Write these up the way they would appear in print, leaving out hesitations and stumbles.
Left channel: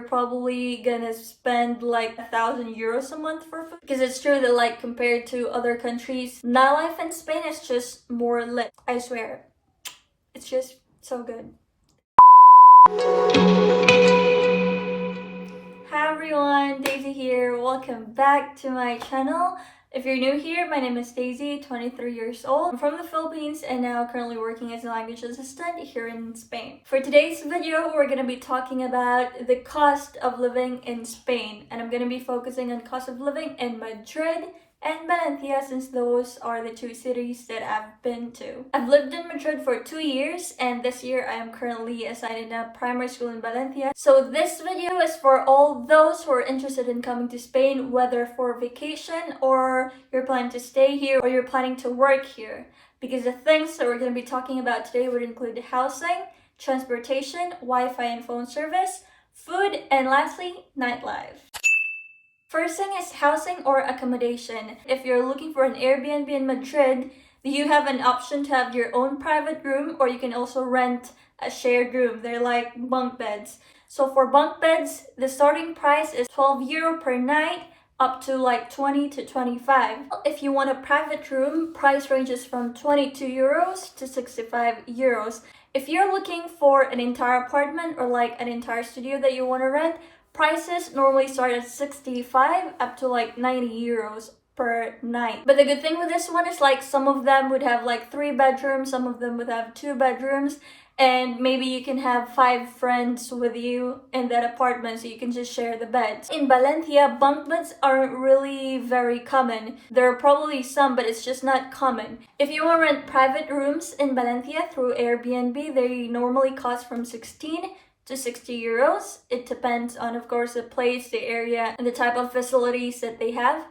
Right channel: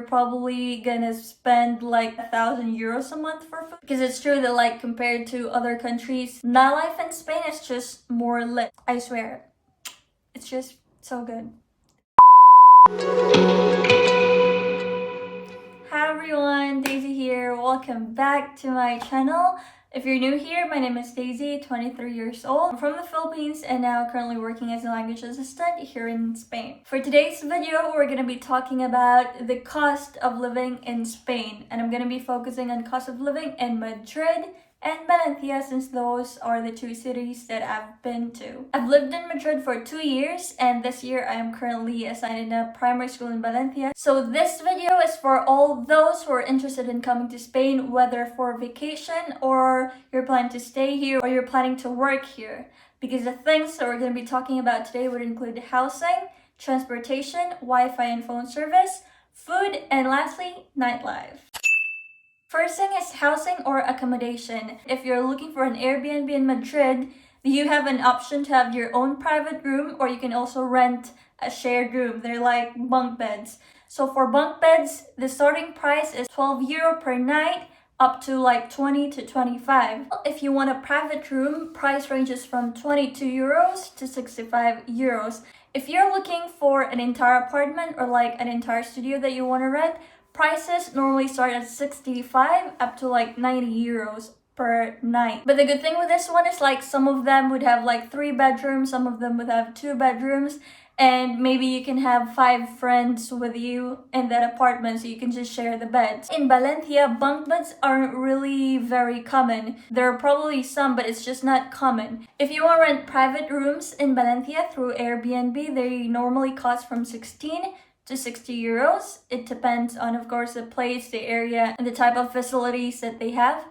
you're probably gonna spend like 1,000 euros a month for food. Because it's true that like compared to other countries, nightlife in Spain is just more lit. I swear. It's just so good. Hi everyone, Daisy here. Welcome back to my channel. If you're new here, my name is Daisy, 23 years old. I'm from the Philippines and now currently working as a language assistant here in Spain. For today's video, we're going to be talking about the cost of living in Spain. And I'm going to be focusing on cost of living in Madrid and Valencia, since those are the two cities that I've been to. I've lived in Madrid for 2 years, and this year I am currently assigned in a primary school in Valencia. So this video is for all those who are interested in coming to Spain, whether for vacation or you're planning to stay here or you're planning to work here. Because the things that we're going to be talking about today would include housing, transportation, Wi-Fi and phone service, food, and lastly, nightlife. First thing is housing or accommodation. If you're looking for an Airbnb in Madrid, you have an option to have your own private room, or you can also rent a shared room. They're like bunk beds. So for bunk beds, the starting price is 12 euro per night, up to like 20 to 25. If you want a private room, price ranges from 22 euros to 65 euros. If you're looking for an entire apartment or like an entire studio that you want to rent, prices normally start at 65 up to like 90 euros per night. But the good thing with this one is like some of them would have like 3 bedrooms, some of them would have 2 bedrooms, and maybe you can have 5 friends with you in that apartment, so you can just share the beds. In Valencia, bunk beds aren't really very common. There are probably some, but it's just not common. If you want to rent private rooms in Valencia through Airbnb, they normally cost from 16 to 60 euros. It depends on, of course, the place, the area, and the type of facilities that they have.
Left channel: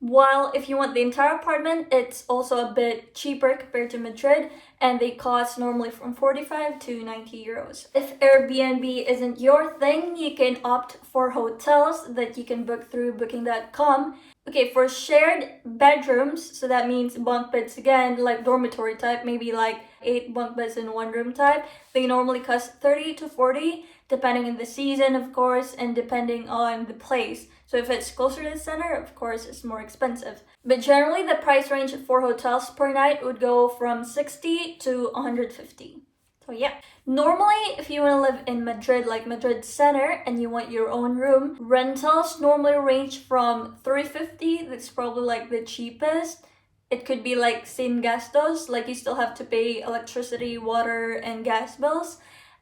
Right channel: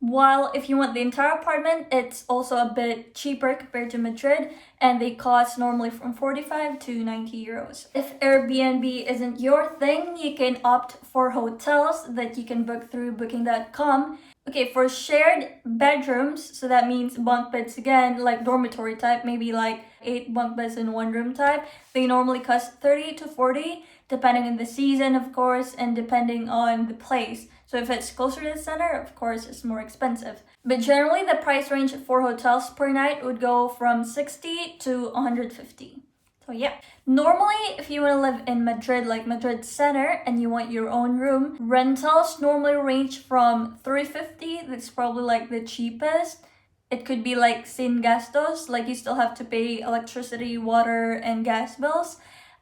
While if you want the entire apartment, it's also a bit cheaper compared to Madrid, and they cost normally from 45 to 90 euros. If Airbnb isn't your thing, you can opt for hotels that you can book through booking.com. Okay, for shared bedrooms, so that means bunk beds again, like dormitory type, maybe like 8 bunk beds in one room type, they normally cost 30 to 40, depending on the season, of course, and depending on the place. So if it's closer to the center, of course, it's more expensive. But generally, the price range for hotels per night would go from 60 to 150. So yeah, normally if you want to live in Madrid, like Madrid center, and you want your own room, rentals normally range from 350, that's probably like the cheapest. It could be like sin gastos, like you still have to pay electricity, water, and gas bills,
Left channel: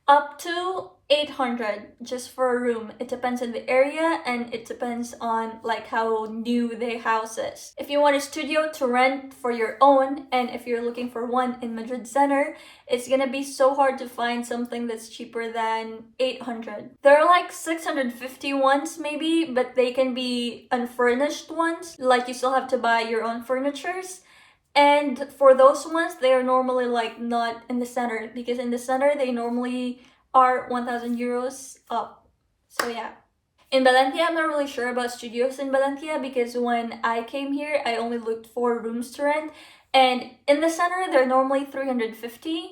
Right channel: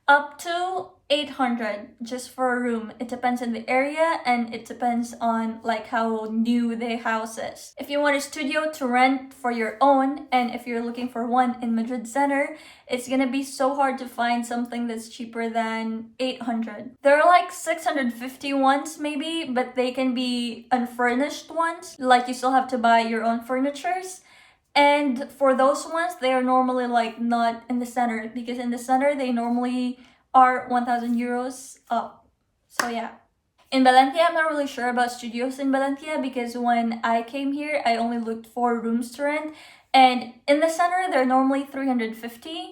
up to 800 just for a room. It depends on the area and it depends on like how new the house is. If you want a studio to rent for your own, and if you're looking for one in Madrid center, it's gonna be so hard to find something that's cheaper than 800. There are like 650 ones maybe, but they can be unfurnished ones, like you still have to buy your own furnitures. And for those ones, they are normally like not in the center, because in the center they normally are 1,000 euros up. So yeah. In Valencia, I'm not really sure about studios in Valencia, because when I came here, I only looked for rooms to rent. And in the center, they're normally 350.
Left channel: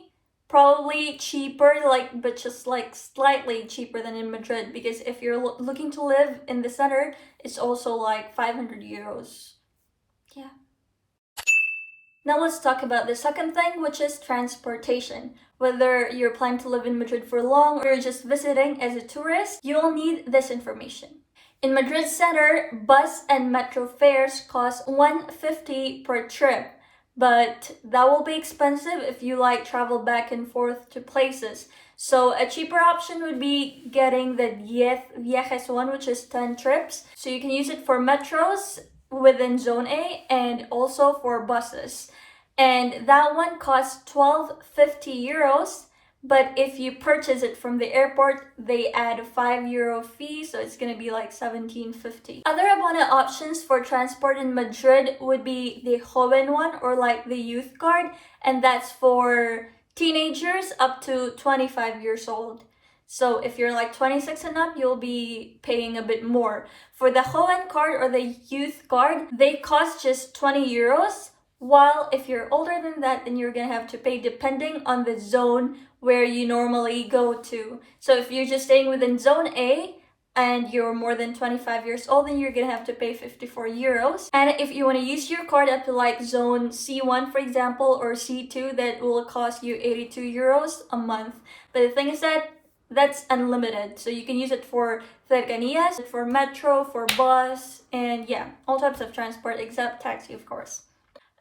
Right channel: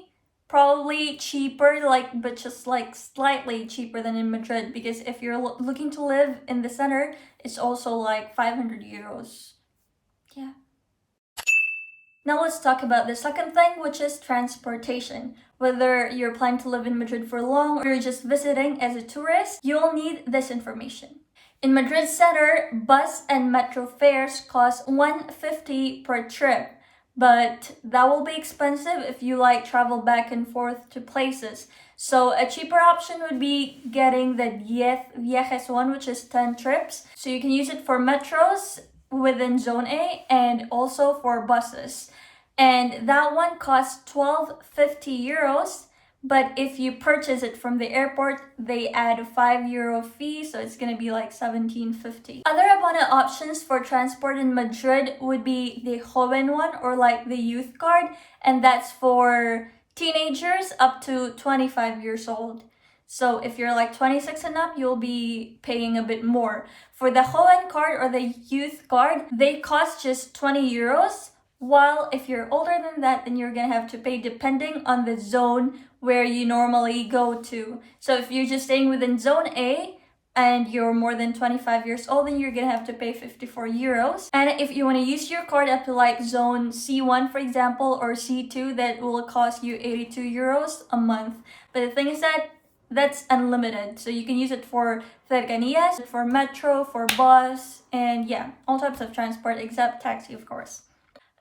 Probably cheaper, like, but just like slightly cheaper than in Madrid, because if you're looking to live in the center, it's also like 500 euros. Yeah. Now let's talk about the second thing, which is transportation. Whether you're planning to live in Madrid for long or you're just visiting as a tourist, you'll need this information. In Madrid center, bus and metro fares cost 150 per trip, but that will be expensive if you like travel back and forth to places. So a cheaper option would be getting the 10 viajes one, which is 10 trips. So you can use it for metros within Zone A and also for buses. And that one costs 12.50 euros, but if you purchase it from the airport, they add a 5 euro fee, so it's gonna be like 17.50. Other abona options for transport in Madrid would be the joven one, or like the youth card, and that's for teenagers up to 25 years old. So if you're like 26 and up, you'll be paying a bit more. For the joven card or the youth card, they cost just 20 euros. While if you're older than that, then you're gonna have to pay depending on the zone where you normally go to. So if you're just staying within Zone A, and you're more than 25 years old, then you're gonna have to pay 54 euros. And if you want to use your card up to like zone C1, for example, or C2, that will cost you 82 euros a month. But the thing is that that's unlimited, so you can use it for cercanías, for metro, for bus, and yeah, all types of transport except taxi, of course.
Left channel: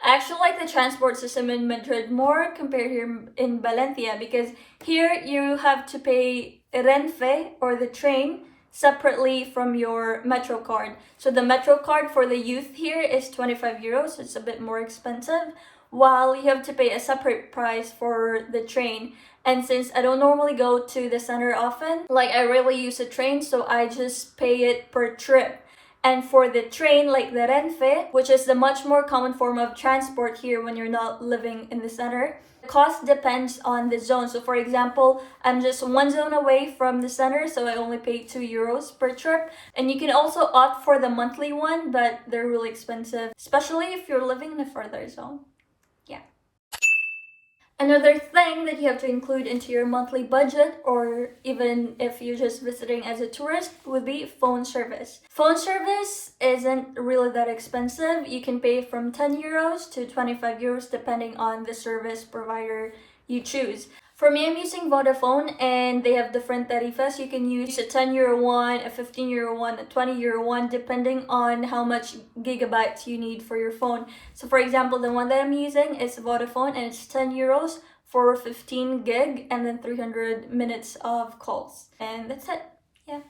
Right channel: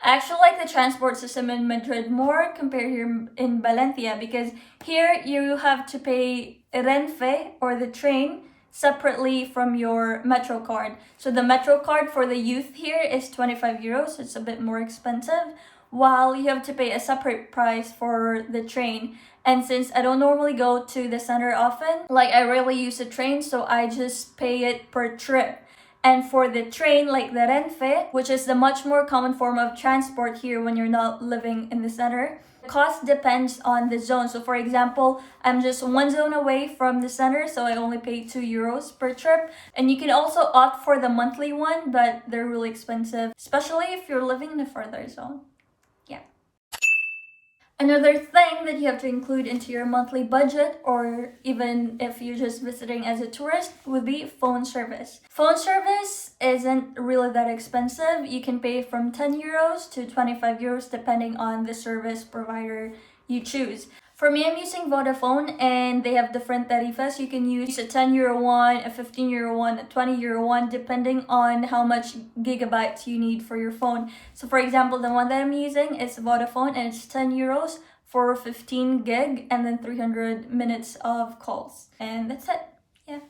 I actually like the transport system in Madrid more compared here in Valencia, because here you have to pay Renfe, or the train, separately from your metro card. So the metro card for the youth here is 25 euros, it's a bit more expensive, while you have to pay a separate price for the train. And since I don't normally go to the center often, like I rarely use the train, so I just pay it per trip. And for the train, like the Renfe, which is the much more common form of transport here when you're not living in the center, the cost depends on the zone. So for example, I'm just one zone away from the center, so I only pay 2 euros per trip. And you can also opt for the monthly one, but they're really expensive, especially if you're living in a further zone. Yeah. Another thing that you have to include into your monthly budget, or even if you're just visiting as a tourist, would be phone service. Phone service isn't really that expensive. You can pay from 10 euros to 25 euros depending on the service provider you choose. For me, I'm using Vodafone, and they have different tarifas. You can use a 10 euro one, a 15 euro one, a 20 euro one, depending on how much gigabytes you need for your phone. So for example, the one that I'm using is Vodafone, and it's 10 euros for 15 gig and then 300 minutes of calls. And that's it. Yeah.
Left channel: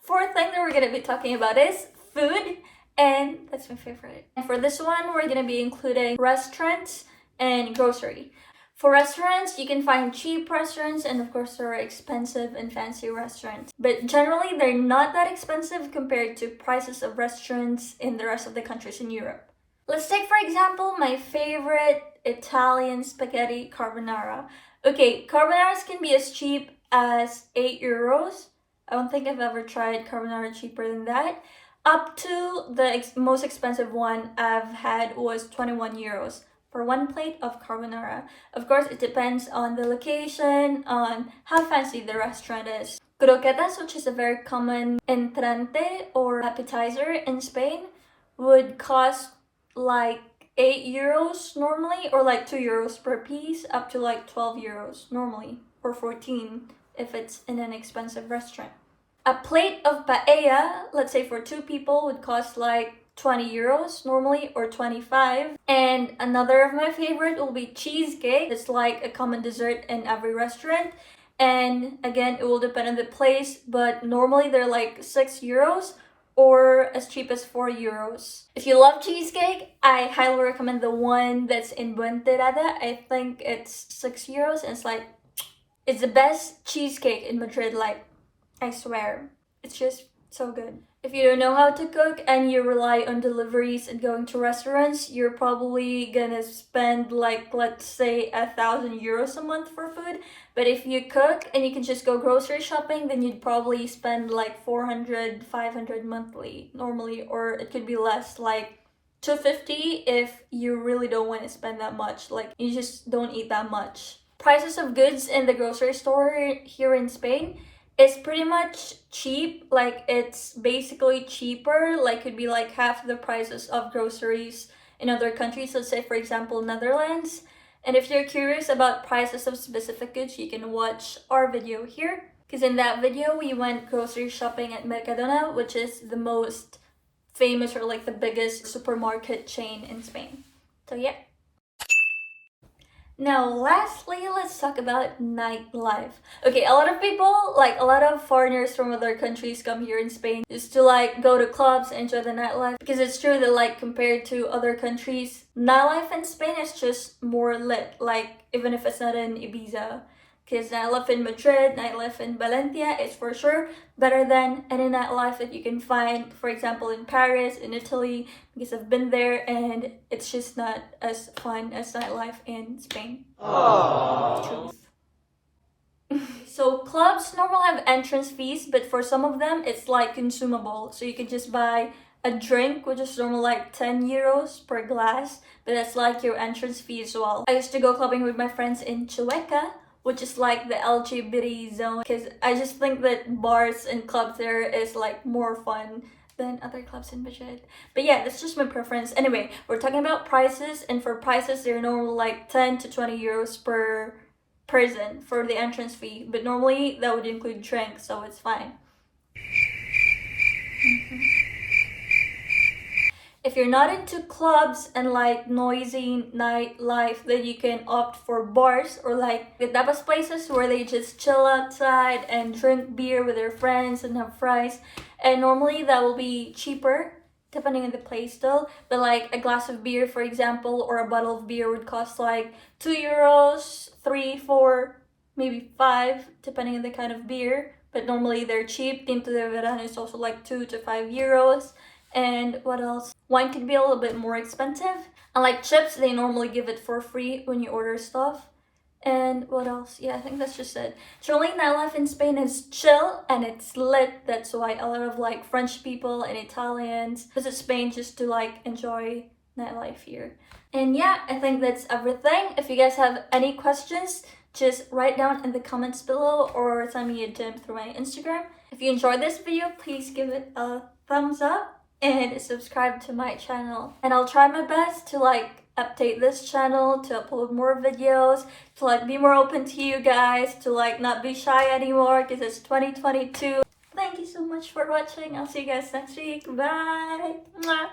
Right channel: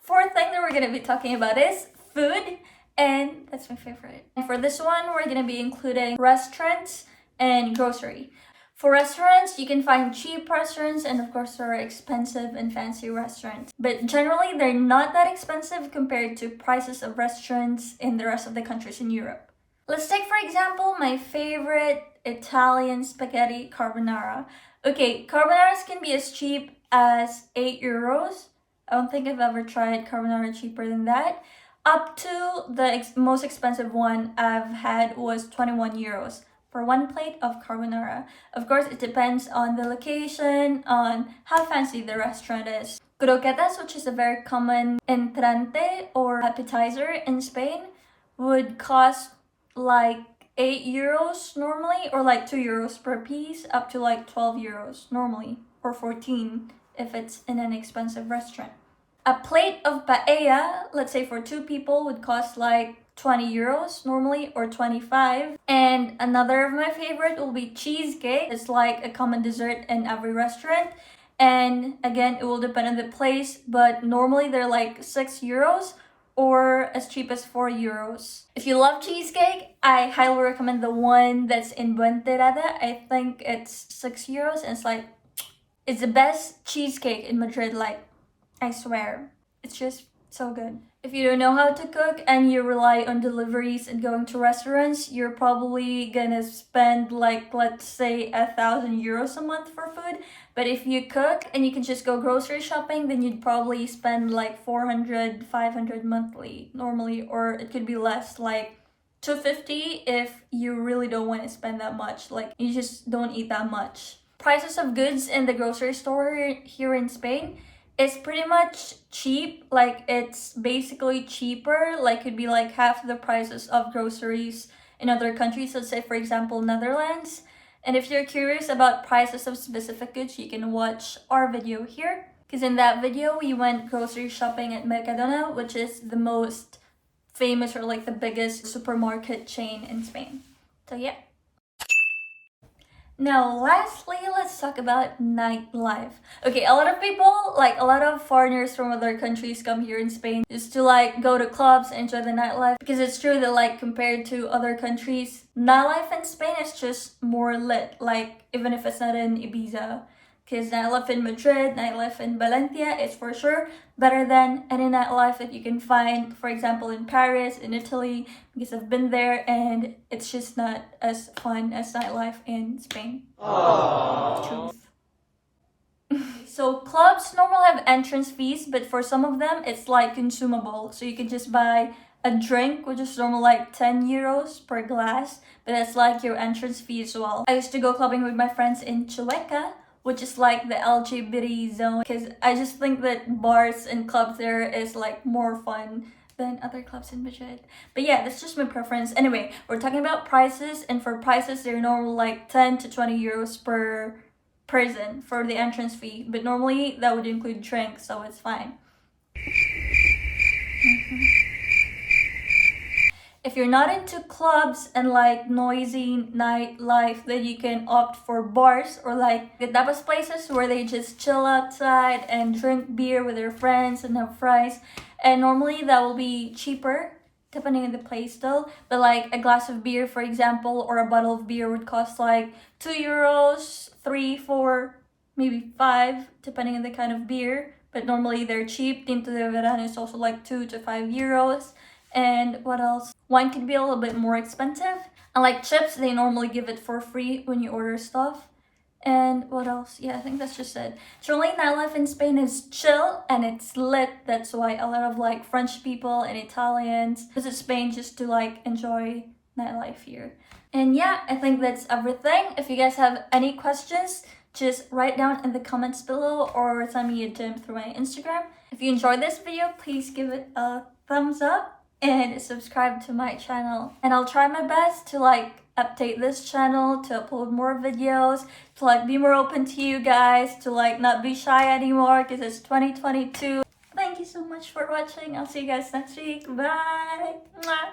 Fourth thing that we're gonna be talking about is food, and that's my favorite. And for this one, we're gonna be including restaurants and grocery. For restaurants, you can find cheap restaurants, and of course there are expensive and fancy restaurants. But generally, they're not that expensive compared to prices of restaurants in the rest of the countries in Europe. Let's take, for example, my favorite Italian spaghetti carbonara. Okay, carbonaras can be as cheap as 8 euros. I don't think I've ever tried carbonara cheaper than that. Up to the most expensive one I've had was 21 euros. For one plate of carbonara. Of course, it depends on the location, on how fancy the restaurant is. Croquetas, which is a very common entrante or appetizer in Spain, would cost like 8 euros normally, or like 2 euros per piece, up to like 12 euros normally, or 14 if it's in an expensive restaurant. A plate of paella, let's say for 2 people, would cost like 20 euros normally, or 25. And another of my favorite will be cheesecake. It's like a common dessert in every restaurant, and again, it will depend on the place, but normally they're like 6 euros or as cheap as 4 euros. If you love cheesecake, I highly recommend the one that's in Buenterada. I think it's 6 euros, and it's the best cheesecake in Madrid, like, I swear. It's just so good. If you don't know how to cook and you rely on deliveries and going to restaurants, you're probably gonna spend like, let's say, 1,000 euros a month for food. But if you cook and you can just go grocery shopping, then you'd probably spend like 400, 500 monthly normally, or it could be less, like 250 if you really don't want to spend that much. Like, you just don't eat that much. Prices of goods in the grocery store here in Spain, it's pretty much cheap. Like, it's basically cheaper, like could be like half the prices of groceries in other countries. Let's say, for example, Netherlands. And if you're curious about prices of specific goods, you can watch our video here, because in that video we went grocery shopping at Mercadona, which is the most famous, or like the biggest supermarket chain in Spain. So yeah. Now, lastly, let's talk about nightlife. Okay, a lot of people, like a lot of foreigners from other countries, come here in Spain just to like go to clubs and enjoy the nightlife, because it's true that like compared to other countries, nightlife in Spain is just more lit, like even if it's not in Ibiza. Because nightlife in Madrid, nightlife in Valencia is for sure better than any nightlife that you can find, for example, in Paris, in Italy, because I've been there and it's just not as fun as nightlife in Spain. Aww. Truth. So clubs normally have entrance fees, but for some of them it's like consumable. So you can just buy a drink, which is normally like 10 euros per glass, but that's like your entrance fee as well. I used to go clubbing with my friends in Chueca, which is like the LGBT zone, because I just think that bars and clubs there is like more fun than other clubs in Madrid. But yeah, that's just my preference. Anyway, we're talking about prices, and for prices, they're normally like 10 to 20 euros per person for the entrance fee, but normally that would include drinks, so it's fine. If you're not into clubs and like noisy nightlife, then you can opt for bars or like the tapas places where they just chill outside and drink beer with their friends and have fries. And normally that will be cheaper depending on the place still. But like a glass of beer, for example, or a bottle of beer would cost like 2 euros, 3, 4, maybe 5, depending on the kind of beer. But normally they're cheap. Tinto de Verano is also like 2 to 5 euros. And what else? Wine could be a little bit more expensive. And like chips, they normally give it for free when you order stuff. And what else? Yeah, I think that's just it. Generally, nightlife in Spain is chill and it's lit. That's why a lot of like French people and Italians visit Spain just to like enjoy nightlife here. And yeah, I think that's everything. If you guys have any questions, just write down in the comments below or send me a DM through my Instagram. If you enjoyed this video, please give it a thumbs up and subscribe to my channel. And I'll try my best to like update this channel, to upload more videos, to like be more open to you guys, to like not be shy anymore because it's 2022. Thank you so much for watching. I'll see you guys next week. Bye. Mwah.